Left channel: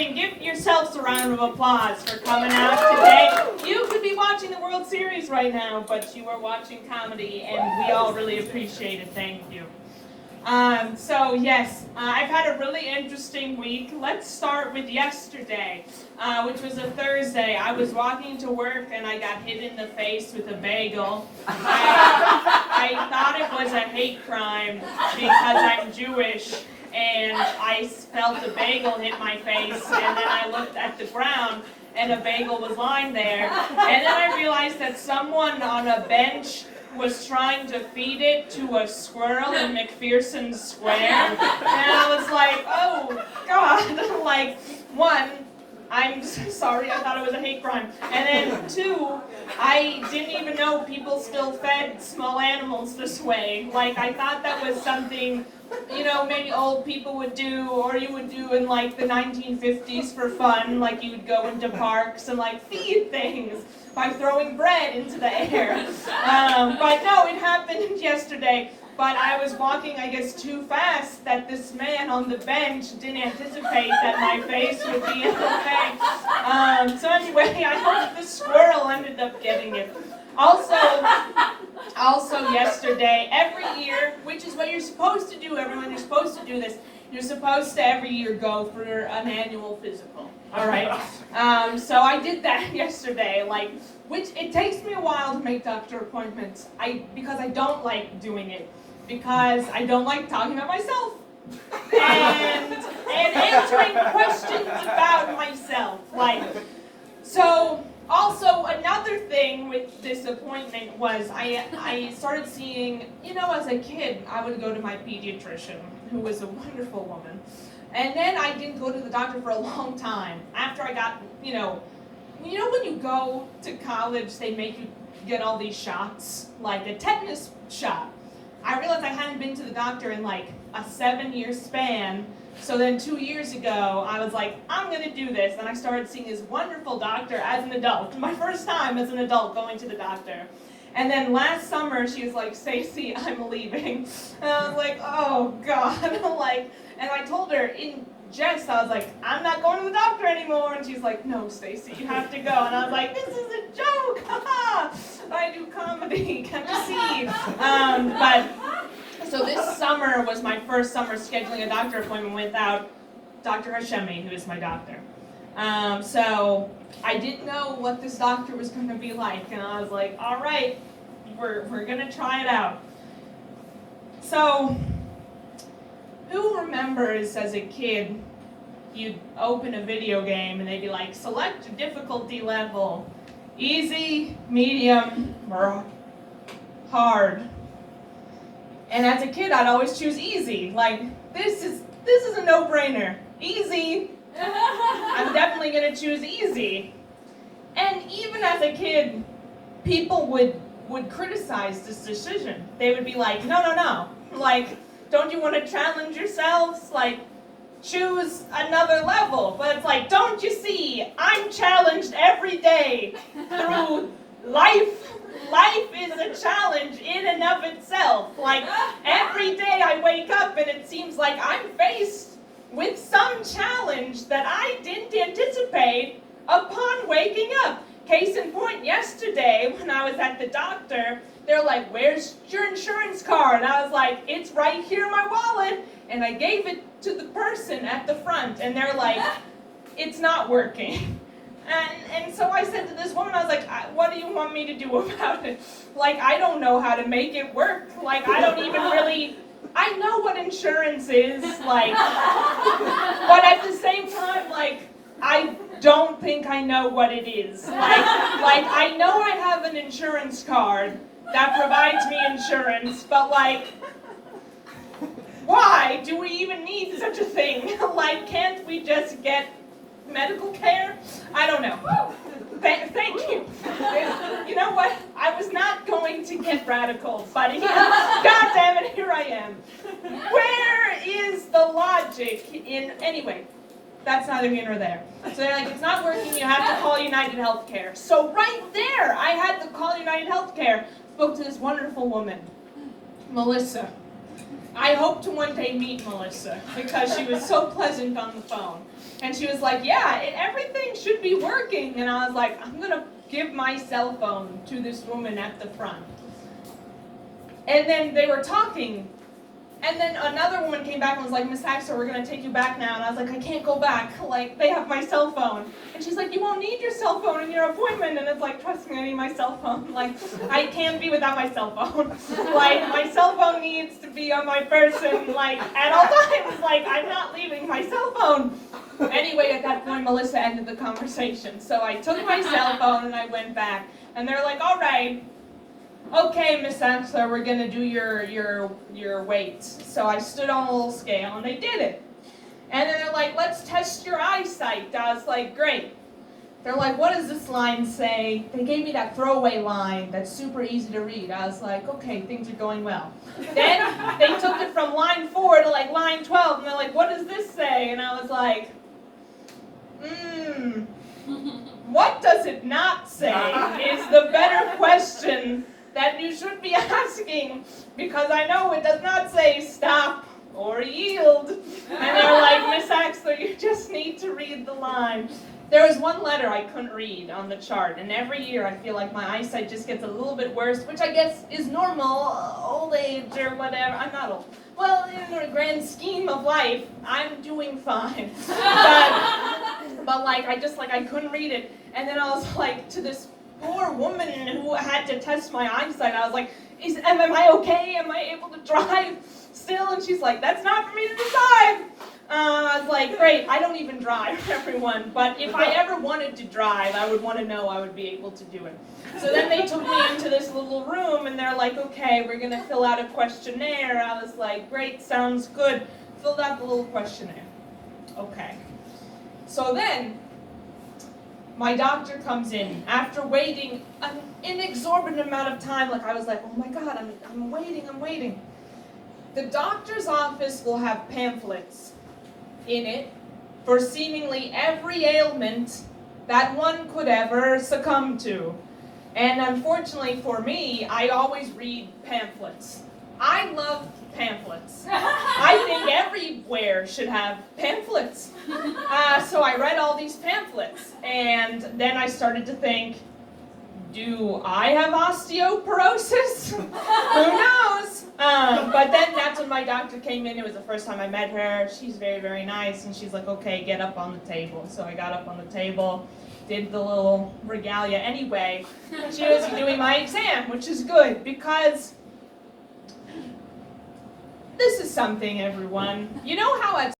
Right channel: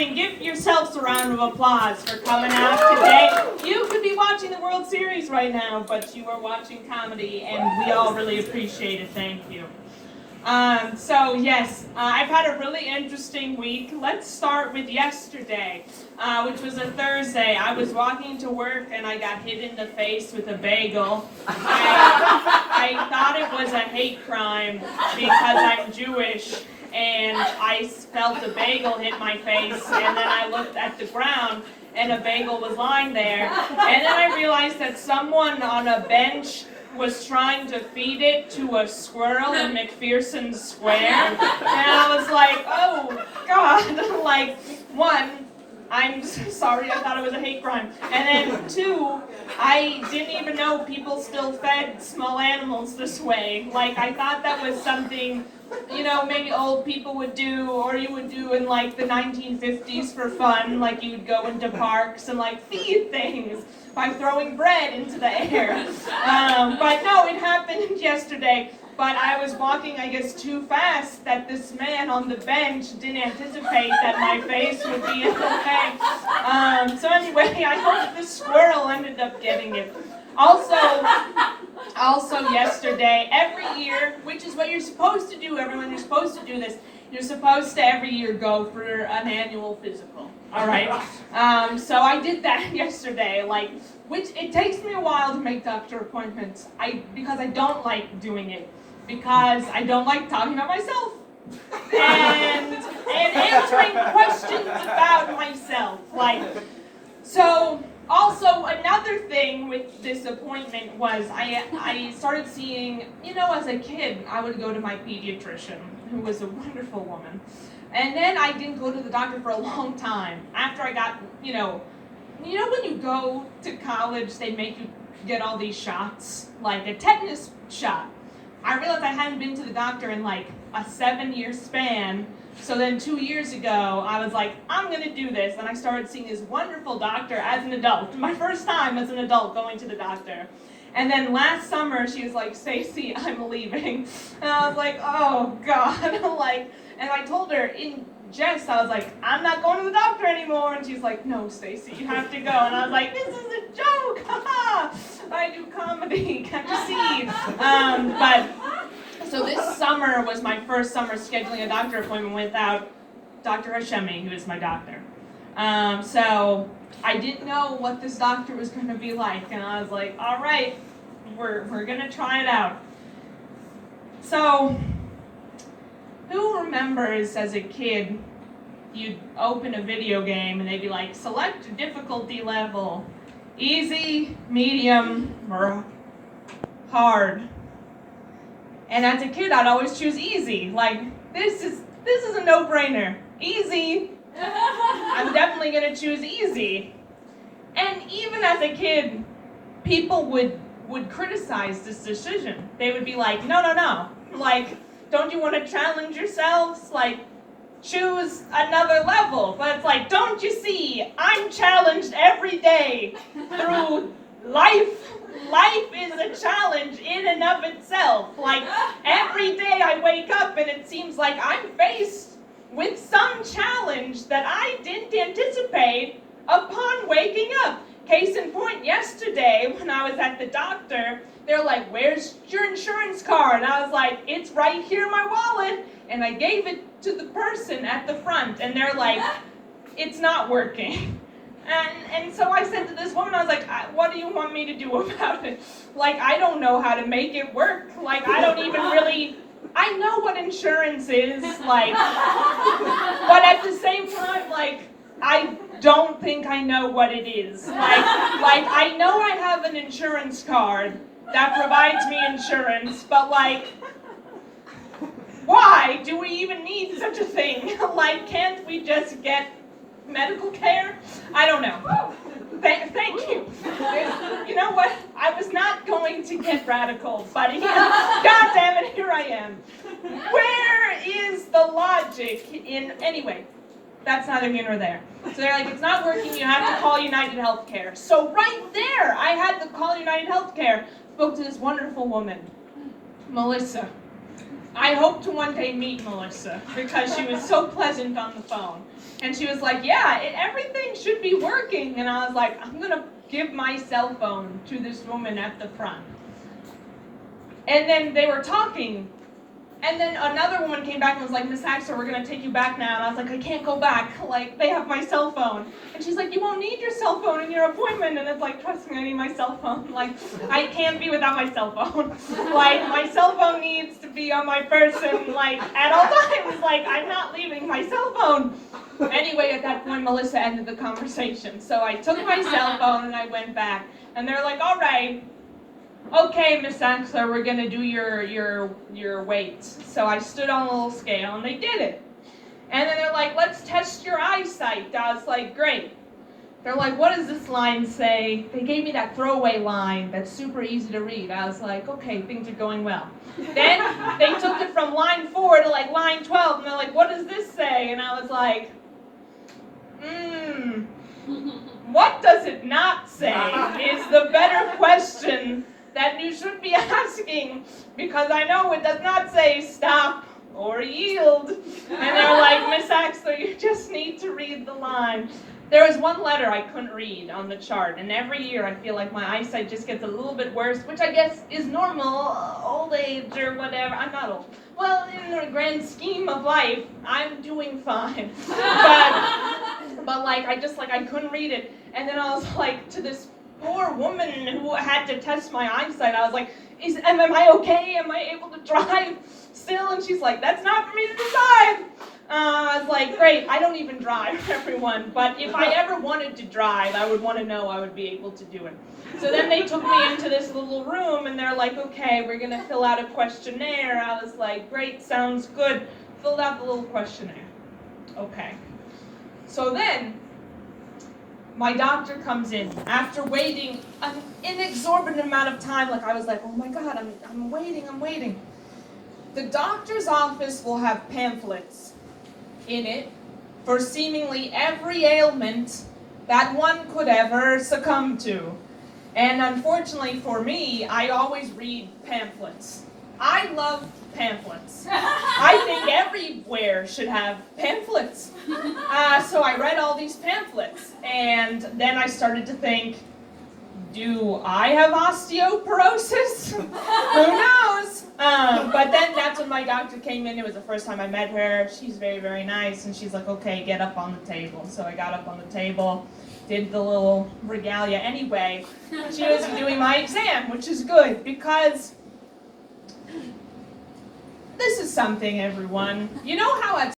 Give yourselves a round of applause for coming out today. You could be watching the World Series right now, but you are watching comedy, and we all really appreciate it. Thank you. I've had a really interesting week. Let's start with yesterday, which was a Thursday. I was walking to work, and I got hit in the face with a bagel. I thought it was a hate crime because I'm Jewish. And I felt a bagel hit my face, and then I looked at the ground, and a bagel was lying there. And then I realized that someone on a bench was trying to feed it to a squirrel in McPherson Square. And I was like, oh, God. Like, one, I'm sorry, I thought it was a hate crime. And then two, I didn't even know people still fed small animals this way. Like, I thought that was something, maybe old people would do, or you would do in like the 1950s for fun. Like you would go into parks and like feed things by throwing bread into the air. But no, it happened yesterday. But I was walking, I guess, too fast that this man on the bench didn't anticipate that my face would be in the way. So anyway, I hope the squirrel ended up getting it. Also yesterday, every year, which is what you're supposed to do, everyone, you're supposed to do this. You're supposed to every year go for an annual physical. All right. So I did that yesterday. Which it takes me a while to make doctor appointments. Because I don't like doing it. Because I don't like talking about myself. And answering questions about myself. Also, another thing with disappointment was I started seeing, as a kid, I would go to my pediatrician, who was a wonderful woman. And then I didn't go to the doctor for a long time. After I got, when you go to college, they make you get all these shots, like a tetanus shot. I realized I hadn't been to the doctor in like a 7-year span. So then 2 years ago, I was like, I'm going to do this. And I started seeing this wonderful doctor as an adult. My first time as an adult going to the doctor. And then last summer, she was like, Stacey, I'm leaving. And I was like, oh, God. And I told her in jest, I was like, I'm not going to the doctor anymore. And she's like, no, Stacey, you have to go. And I was like, this is a joke. I do comedy. Can't you see? So this summer was my first summer scheduling a doctor appointment without Dr. Hashemi, who is my doctor. So I didn't know what this doctor was going to be like, and I was like, all right, we're going to try it out. So who remembers as a kid, you'd open a video game and they'd be like, select a difficulty level, easy, medium, or hard. And as a kid, I'd always choose easy. Like, this is a no-brainer. Easy. I'm definitely going to choose easy. And even as a kid, people would criticize this decision. They would be like, no. Like, don't you want to challenge yourselves? Like, choose another level. But it's like, don't you see? I'm challenged every day through life. Life is a challenge in and of itself. Like, every day I wake up and it seems like I'm faced with some challenge that I didn't anticipate upon waking up. Case in point, yesterday when I was at the doctor, they're like, where's your insurance card? And I was like, it's right here in my wallet. And I gave it to the person at the front, and they're like, it's not working. And so I said to this woman, I was like, what do you want me to do about it? Like, I don't know how to make it work. Like, I don't even really, I know what insurance is, like, but at the same time, like, I don't think I know what it is. Like I know I have an insurance card that provides me insurance, but like, why do we even need such a thing? Like, can't we just get medical care? I don't know. Thank you. You know what? I was not going to get radical, but God damn it, here I am. Where is the logic in, anyway, that's neither here nor there. So they're like, it's not working, you have to call United Healthcare. So right there, I had to call United Healthcare, spoke to this wonderful woman, Melissa. I hope to one day meet Melissa, because she was so pleasant on the phone. And she was like, yeah, everything should be working. And I was like, I'm going to give my cell phone to this woman at the front. And then they were talking. And then another woman came back and was like, Miss Axel, we're going to take you back now. And I was like, I can't go back. Like, they have my cell phone. And she's like, you won't need your cell phone in your appointment. And it's like, trust me, I need my cell phone. Like, I can't be without my cell phone. Like, my cell phone needs to be on my person, like, at all times. Like, I'm not leaving my cell phone. Anyway, at that point, Melissa ended the conversation. So I took my cell phone and I went back. And they're like, all right. Okay, Miss Axler, we're gonna do your weights. So I stood on a little scale and they did it. And then they're like, let's test your eyesight. I was like, great. They're like, what does this line say? They gave me that throwaway line that's super easy to read. I was like, okay, things are going well. Then they took it from line 4 to like line 12 and they're like, what does this say? And I was like, what does it not say is the better question that you should be asking, because I know it does not say stop or yield. And they're like, Miss Axler, you just need to read the line. There was one letter I couldn't read on the chart, and every year I feel like my eyesight just gets a little bit worse, which I guess is normal, old age or whatever. I'm not old. Well, in the grand scheme of life, I'm doing fine. But like, I couldn't read it. And then I was like, to this poor woman who had to test my eyesight, I was like, am I okay? Am I able to drive still? And she's like, that's not for me to decide. I was like, great, I don't even drive, everyone. But if I ever wanted to drive, I would want to know I would be able to do it. So then they took me into this little room and they're like, okay, we're going to fill out a questionnaire. I was like, great, sounds good. Filled out the little questionnaire. Okay. So then my doctor comes in after waiting an inexorbitant amount of time. Like, I was like, oh my God, I'm waiting. The doctor's office will have pamphlets in it for seemingly every ailment that one could ever succumb to. And unfortunately for me, I always read pamphlets. I love pamphlets. I think everywhere should have pamphlets. So I read all these pamphlets, and then I started to think, do I have osteoporosis? Who knows? But then that's when my doctor came in. It was the first time I met her. She's very, very nice, and she's like, okay, get up on the table. So I got up on the table, did the little regalia. Anyway, she was doing my exam, which is good, because this is something, everyone. You know how at